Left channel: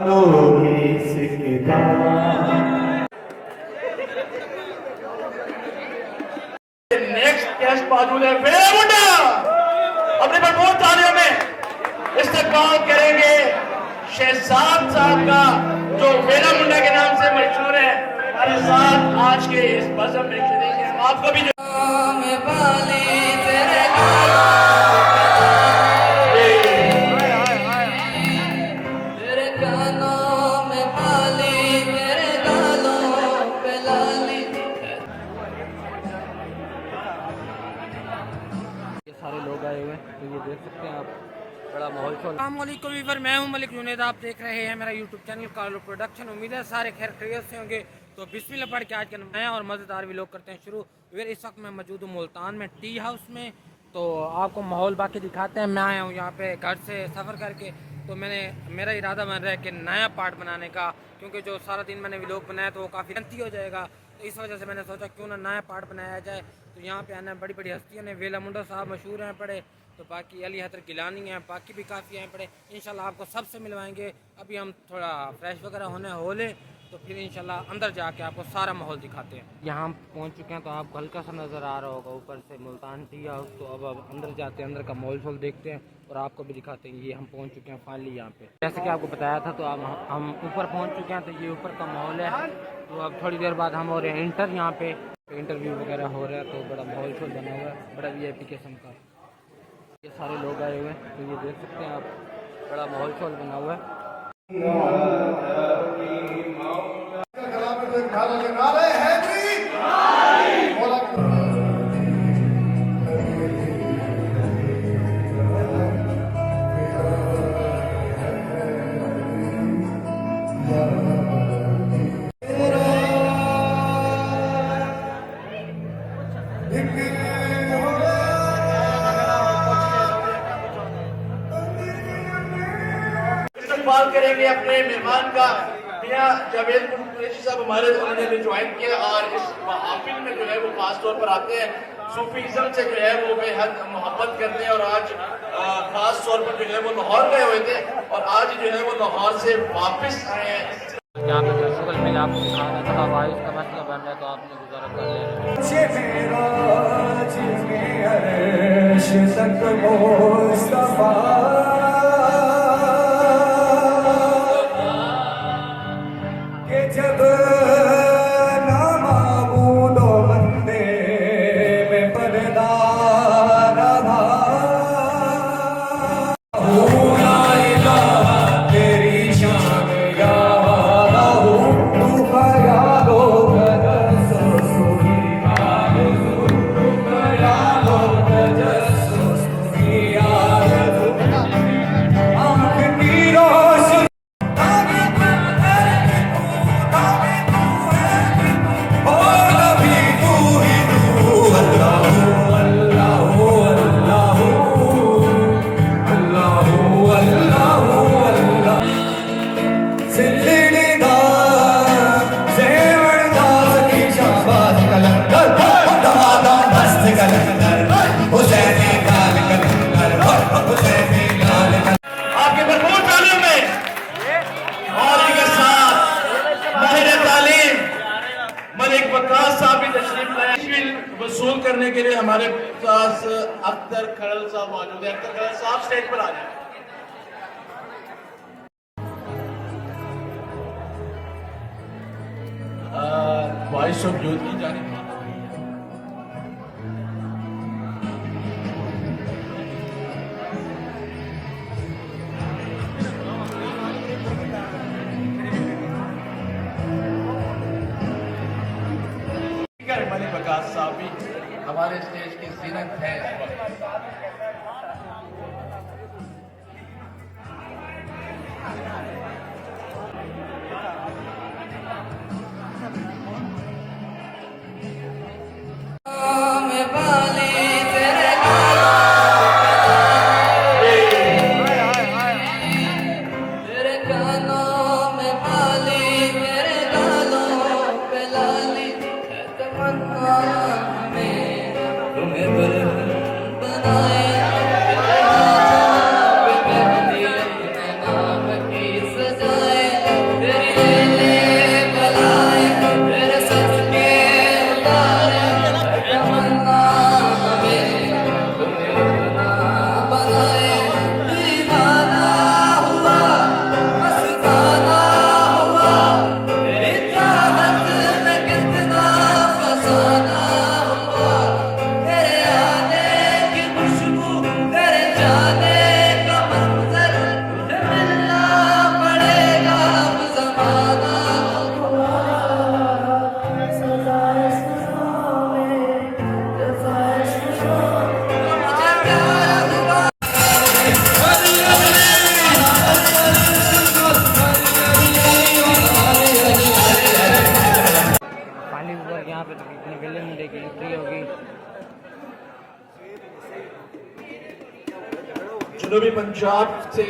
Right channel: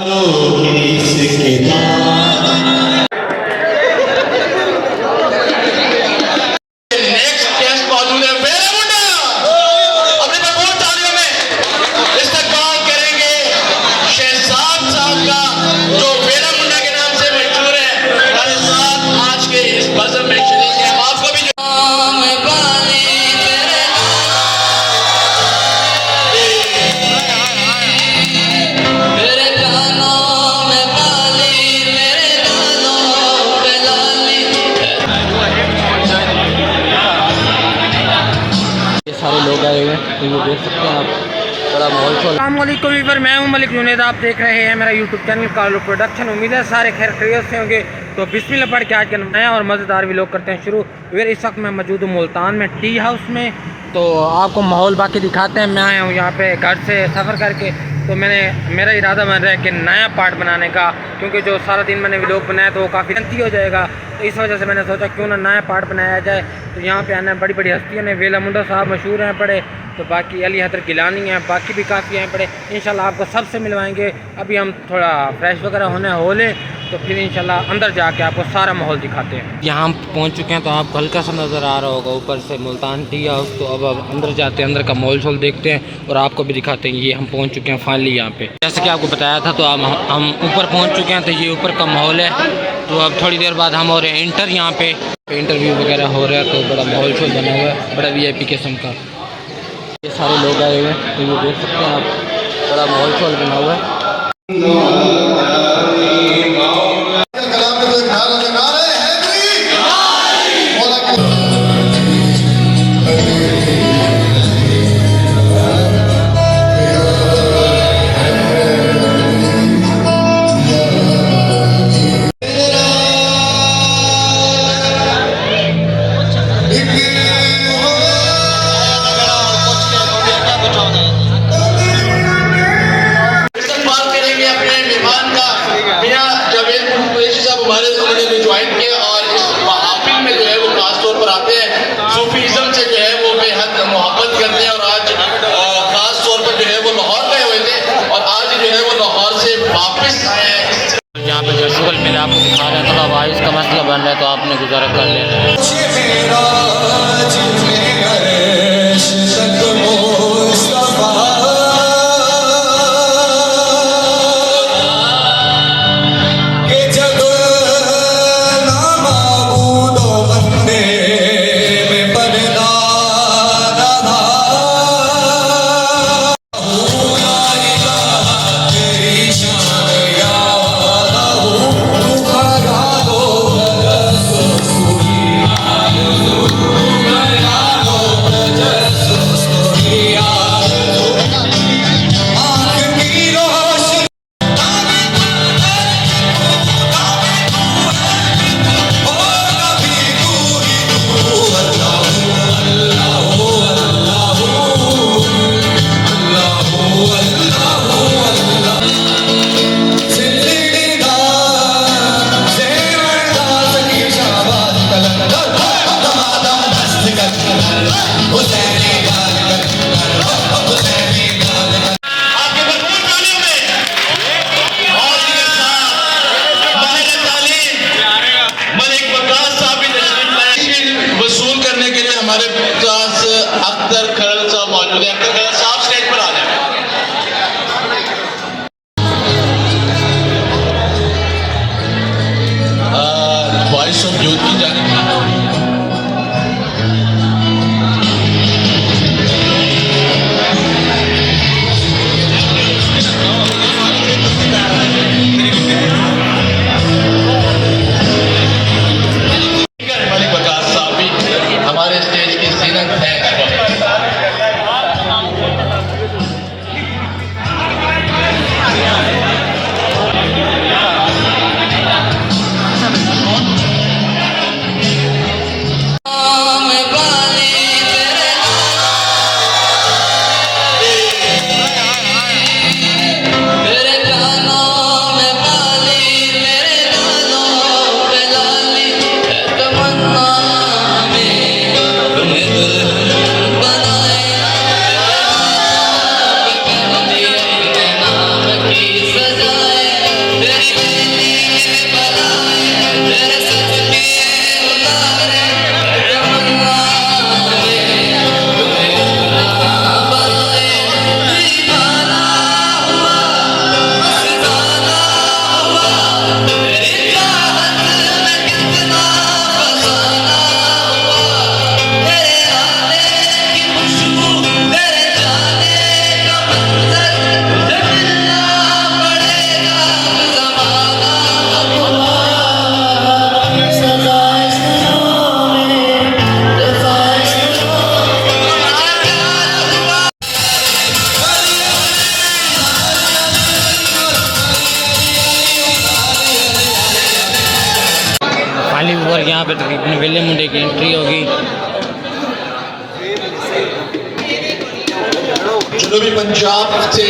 Next guest मौजूद है वेला मुंडा। अपने भरपूर तालियों में इस्तकबाल करेंगे शहजाद साहब का, जो वेला मुंडा के नाम से मशहूर है। हमारे साथ आज के इस बज़म में शरीक है। आपको भी सारे लोग आए हुए हैं, तो ये देख सकते हैं आप, बड़ा माहौल शोल। अस्सलामुअलैकुम वीवर, मैं हूं मलिक जुनैद। आप देख रहे हैं मेरा यूट्यूब चैनल कालू प्रोडक्शन। उम्मीद है सारे खैर खैरियत से होंगे। तो बिस्मिल्लाह पढ़ के आज का नया और मज़ेदार व्लॉग करते हैं शुरू। वीवर इस वक्त मैं मौजूद हूँ मुल्तान में टी हाउस में। तो आपको माहौल बाकी दिखाते हैं। मैं आया हूँ यहाँ पे घर से सफ़र करके। तो मेरा इरादा बन रहा है कि नया पार्ट बनाने का, क्योंकि जो सारा दिन मैंने व्लॉग बनाया तो वो काफ़ी लंबी हो जाएगा। तो इस वजह से मैंने सोचा क्यों ना नया पार्ट बनाया जाए। तो यहाँ पे आना बड़ी बड़ी हस्तियों ने, वेला मुंडा साहब मशहूर हैं पड़े, तो बाकी अली हैदर गिलानी हैं, बाकी भी काफ़ी हैं पड़े। इंशाल्लाह आपको सबसे मिलवाएंगे। अभी हम थोड़ा फ्रेश वगैरह होने हो लें, तो फिर इंशाल्लाह अंदर जाके आपको सारा माहौल दिखाते हैं। यहाँ हम पहुँच चुके हैं, तो आपको हल्का सा नज़र आ रहा होगा ऊपर से मुल्तान टी हाउस। तो अब अंदर जाते हैं, अंदर का माहौल शोल देखते हैं और आपको भी दिखाते हैं। ये हम पहुँच चुके हैं फाइनली यहाँ पे, जैसे कि आपको बताया था। तो अब हम ऊपर पहुँच चुके हैं। तो ये ऊपर का माहौल है। तो अब थोड़ी देर बाद हम हो रहे हैं इंटर, यहाँ पे इंटरव्यू वगैरह हो रहा है। तो बड़ा माहौल शोल बना हुआ है, बड़ा VIP किस्म का। ये सारे लोग आए हुए हैं, तो ये देख सकते हैं आप, बड़ा माहौल शोल बना हुआ है। अपने मेहमान का मियां जावेद कुरैशी साहब हमारे उन्होंने ज्वाइन किया और इस महफिल में जो है वो खास तौर पर आते हैं। सूफीज़म से जो है वो बेहद मोहब्बत करते हैं। और आज खास तौर पर जो है वो लाहौर गए हुए थे और आज जो है वो लाहौर से वापस आए हैं। यहाँ पे जो शुगल मिल आपको दिखा रहे हैं, थोड़ा वाइस का मसला बन रहा है, तो आपने गुजारा कर लेना है। हमारे पास अख्तर खरल साहब मौजूद है। अख्तर खरल साहब स्टेज पर आ जाए। वॉइस ऑफ यूथ की जानिब हमारे स्टेज की जीनत है। यहाँ पे तकरीबन वेले मुंडे की एंट्री होगी। जनूबी पंजाब से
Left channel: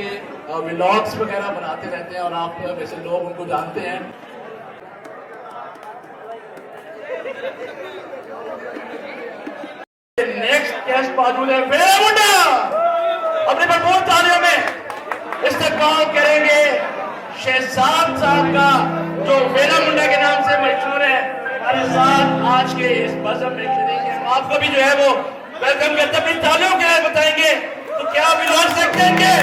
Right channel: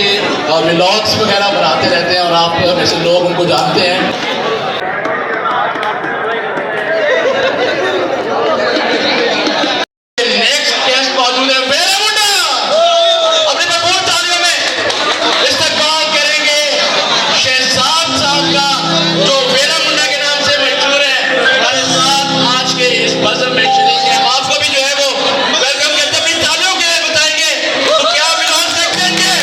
व्लॉग्स वगैरह बनाते रहते हैं और आप में से लोग उनको जानते हैं। नेक्स्ट गेस्ट मौजूद है वेला मुंडा, अपने भरपूर तालियों में इस्तकबाल करेंगे शहजाद साहब का, जो वेला मुंडा के नाम से मशहूर है। हमारे साथ आज के इस बज़म में शरीक है। आपको भी जो है वो वेलकम करते अपनी तालियों के लिए बताएंगे तो क्या विलास रख देंगे।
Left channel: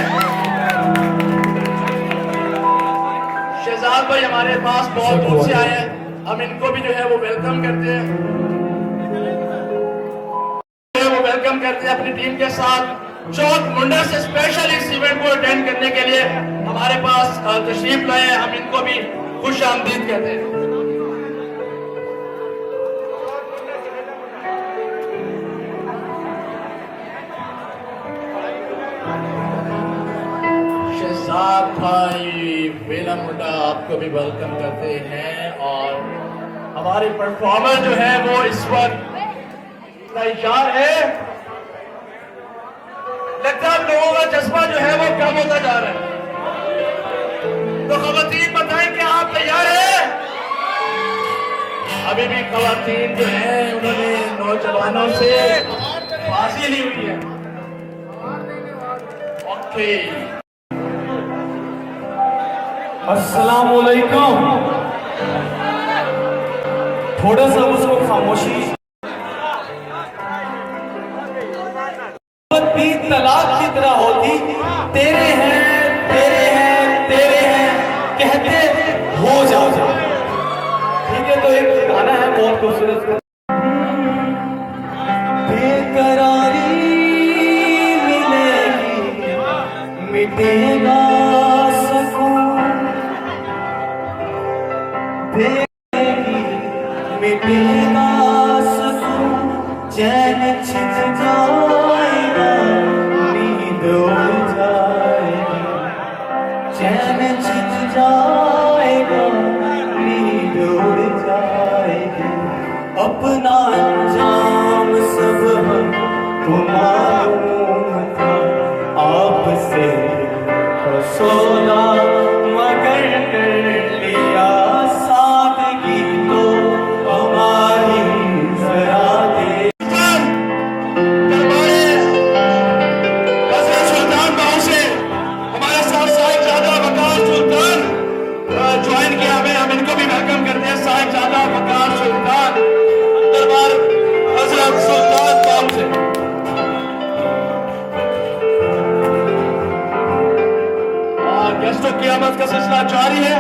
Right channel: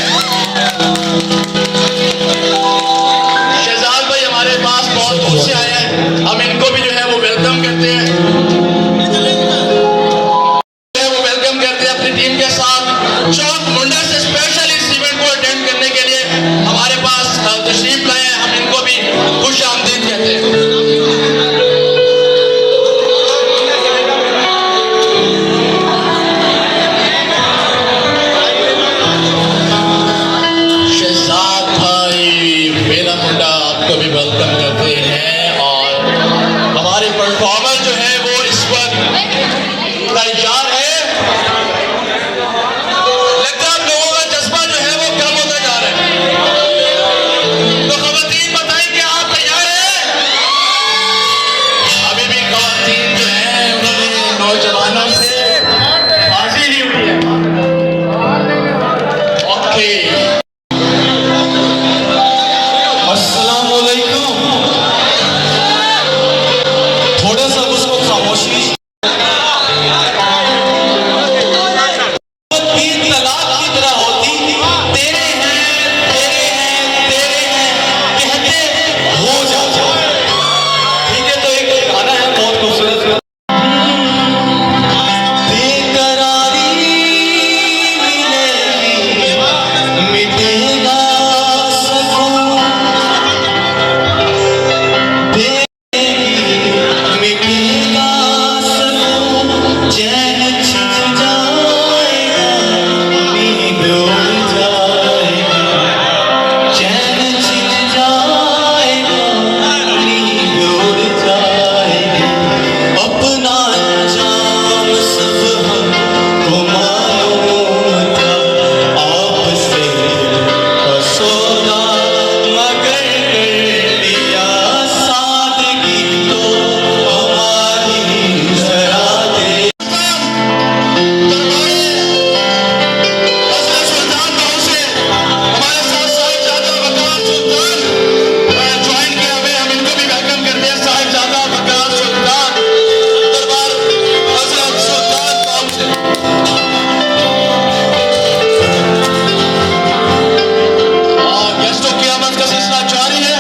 शहजाद भाई हमारे पास बहुत दूर से आए हैं, हम इनको भी जो है वो वेलकम करते हैं, वेलकम करते हैं अपनी टीम के साथ। चौक मुंडा से स्पेशल इस इवेंट को अटेंड करने के लिए हमारे पास तशरीफ लाए हैं, हम इनको भी खुश आमदीद कहते हैं। शहजाद भाई वेला मुंडा आपको भी वेलकम करते हैं और हमारे परफॉर्मर जो है वो इस वक्त तैयार है। लगता है लोगों का जज्बा जो है वो कम होता जा रहा है, तो खवातीन बताएं कि आप तैयार हैं? अभी भी खवातीन जो है उन्होंने नौजवानों से बाजी ली हुई है। ओके, अस्सलामुअलैकुम। थोड़ा सा उसको खामोशी की तलाक की तरह होती, तेरे हैं तेरे हैं तेरे हैं कहते हो जा। ठीक है, तो एक गाना है बहुत खूबसूरत, बेकरारी मिलेगी मिटेगा सकून, मिटेगा सकून, चैन छिप जाएगा, नींद उड़ जाएगी, चैन छिप जाएगा, नींद उड़ जाएगी। अपना अंजाम सब हमको मालूम था, आपसे का सौदा मगर कर दिया सादगी तो हमारी जरा दे। सुल्तान गांव से हमारे साथ साहिबजादा वकार सुल्तान ज्वाइन किया हुए, हम इनको भी वेलकम करते हैं। साहिबजादा वकार सुल्तान दरबार हजरत सुल्तान गांव से। गेस्टों की आमद का सिलसिला जारी है।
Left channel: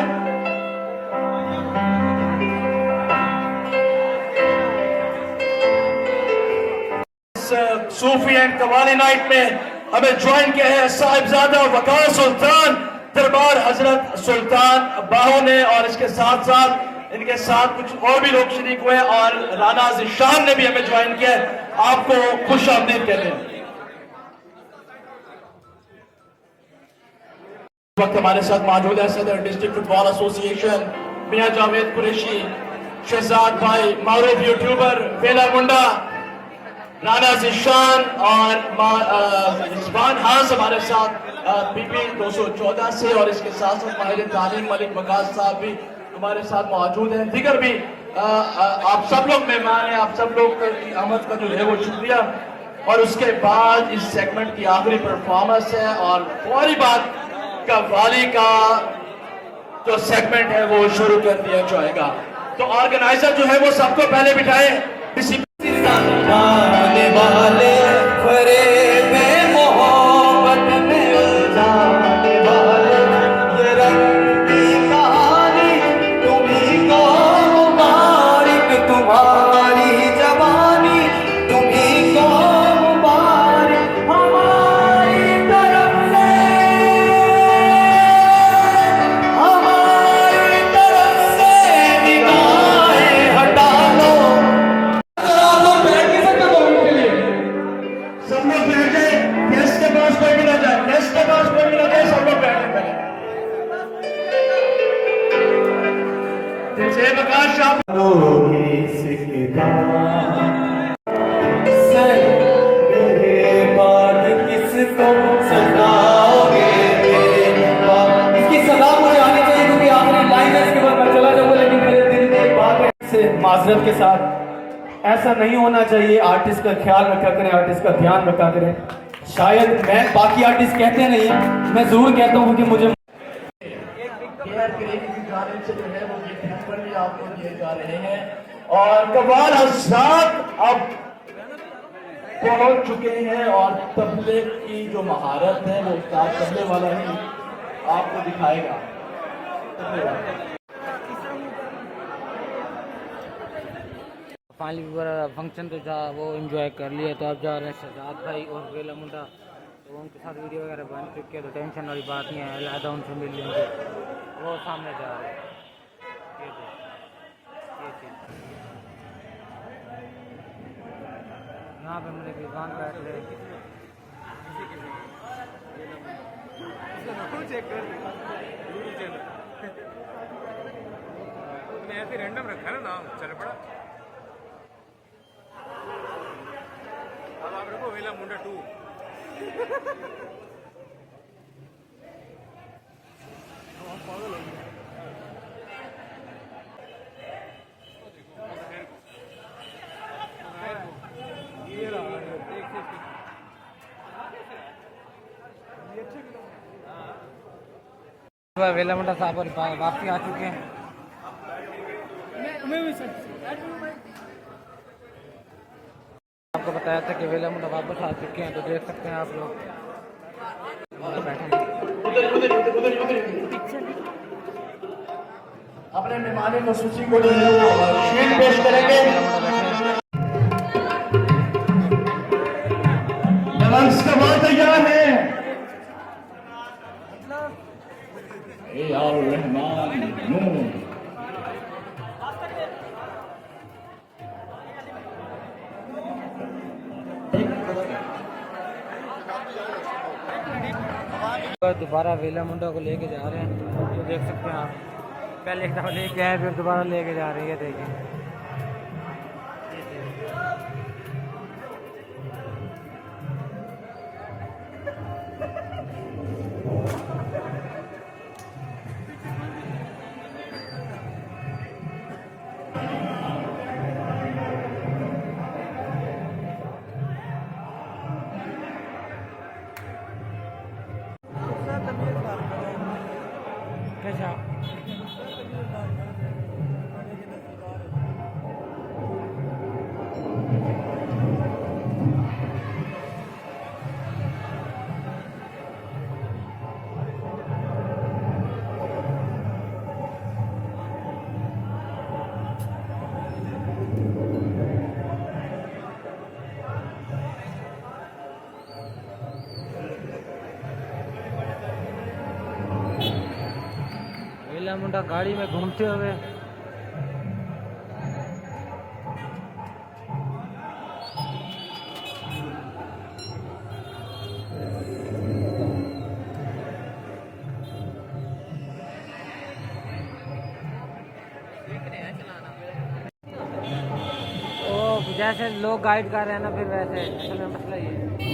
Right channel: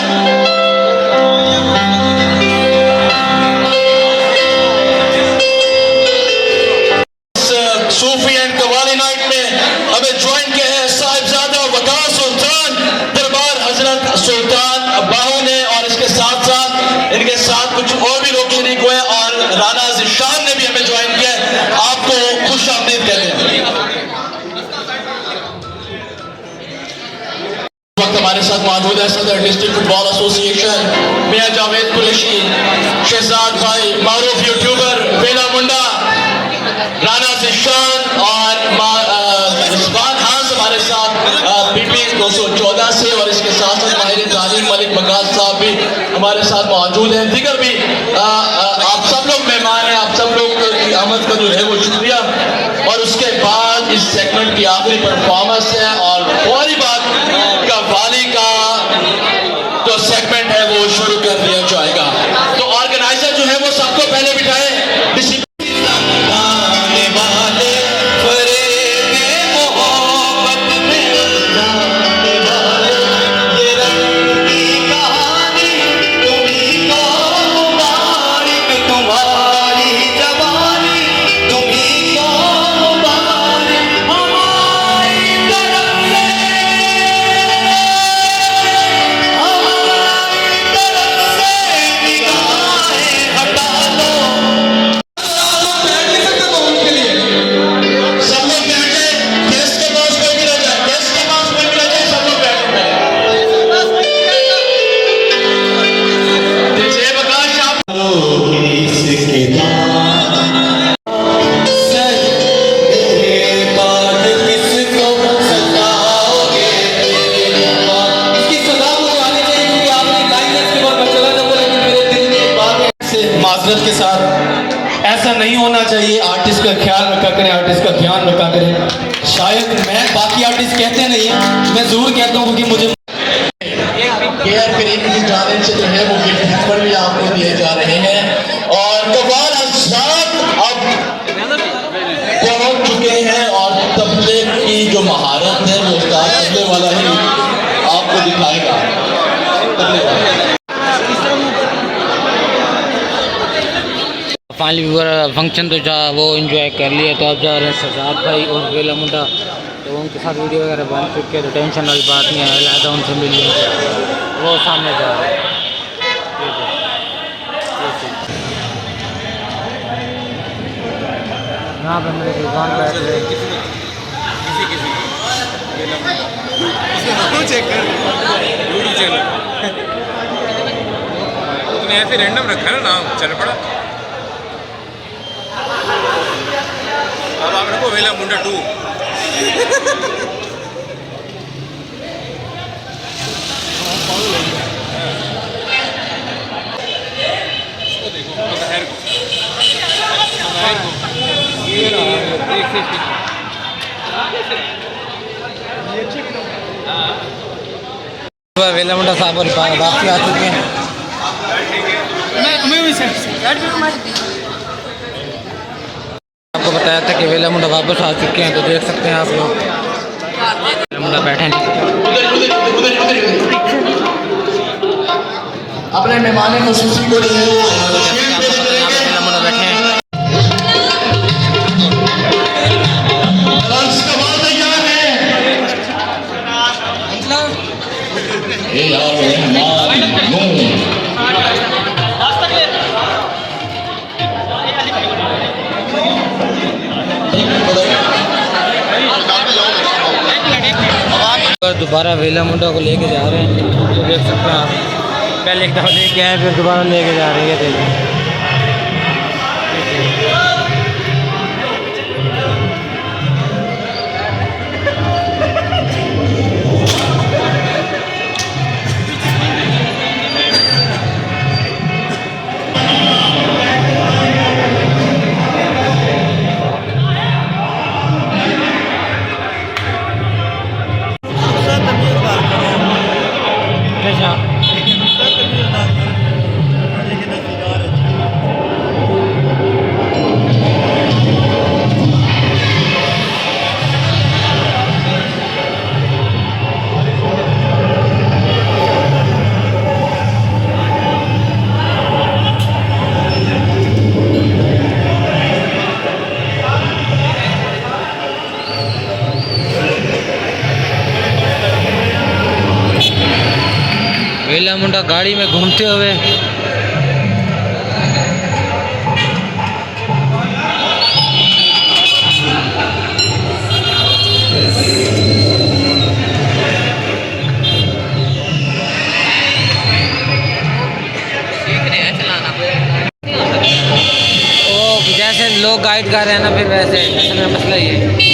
सूफी एंड कवाली नाइट में हमें ज्वाइन किया है साहिबजादा वकार सुल्तान दरबार हजरत सुल्तान बाहू ने, और इसके साथ साथ इनके साथ कुछ और भी लोग शरीक हुए और राना ज़िशान ने भी हमें ज्वाइन किया है। आपको खुश आमदीद कहते हैं। इस वक्त हमारे साथ मौजूद है सदर डिस्ट्रिक्ट फुटबॉल एसोसिएशन मियां जावेद कुरैशी, शहजाद भाई मारूफ यूट्यूबर वेला मुंडा, राना ज़िशान और रिजवान हास हमारे साथ पीपी 214 से, और इसके साथ साथ माहिर तालीम मलिक मकास साहब भी हमारे साथ मौजूद हैं। दीगर भी आप सब लोग मेहमान हैं, आप सब लोग की आमद का जो है वो शुक्रिया। और उसके बाद इस सेगमेंट की आखिरी परफॉर्मेंस है और फौरी बाद कव्वाली का जो सेगमेंट है वो शुरू कर दिया जाएगा। तो ऑर्गेनाइजर जो है वो सबको पहले बिठाए। गाने वाले फरेबे मोहब्बत में जाने वाले, ये रंग की कहानी तुम्हीं को मुबारक, तुम्हारी जवानी तुम्हीं को मुबारक, हमारी तरफ से निगाहें हटा लो। माजरत के साथ ऐसा नहीं होना चाहिए। आर्टिस्ट का ख्याल रखा करें, आर्टिस्ट का ध्यान रखा करें। शायद मैं, बाकी आर्टिस्ट कहते नहीं हैं, मैं ज़रूर कहता हूँ कि मुझे केयर करीम की जानिब से जो है वो गिफ्ट पर भी आपको दिए जा रहे हैं और कव्वाल हज़रात अब पहुंच चुके हैं और तबले की जो महारत है वो उस्ताद तबले वाला ही आपको दिखाएगा। तबले वाला फाइनली व्यूअर फंक्शन तो जा वो एंजॉय कर लिया, तो अब जा रहे हैं शहजाद भाई और वेला मुंडा, तो उनके साथ वीडियो वगैरह बन चुके हैं, तो टेंशन वाली बात नहीं है, अलहदा उनसे मिल लेंगे, वो सामने जा रहे हैं। यहाँ पे मेरे दुकान बैठ रहे तूने ऐसे रैंडम रखा है ना नाम, चल पड़ा। अब आप रखो वेला मुंडा 2। वेला मुंडा साहब और वापसी आ चुके हैं। आपको बताया था कि वेला मुंडा वापस आ चुके हैं, तो देख सकते हैं आप लोग वेला मुंडा बैठे हैं। अपने मेहमान खसूसी को जो है वो तशरीफ पेश करेंगे। वेला मुंडा बैठे हैं। दोबारा वेला मुंडा को लेके जा रहे हैं, तो देख सकते हैं आप, पहले एक दफ़ा लेके आए फिर दोबारा लेके जा रहे हैं। देखिए वेला मुंडा गाड़ी में घूमते हुए जैसे लोग गाइड कर रहे हैं ना, फिर वैसे असल में मसला ये है।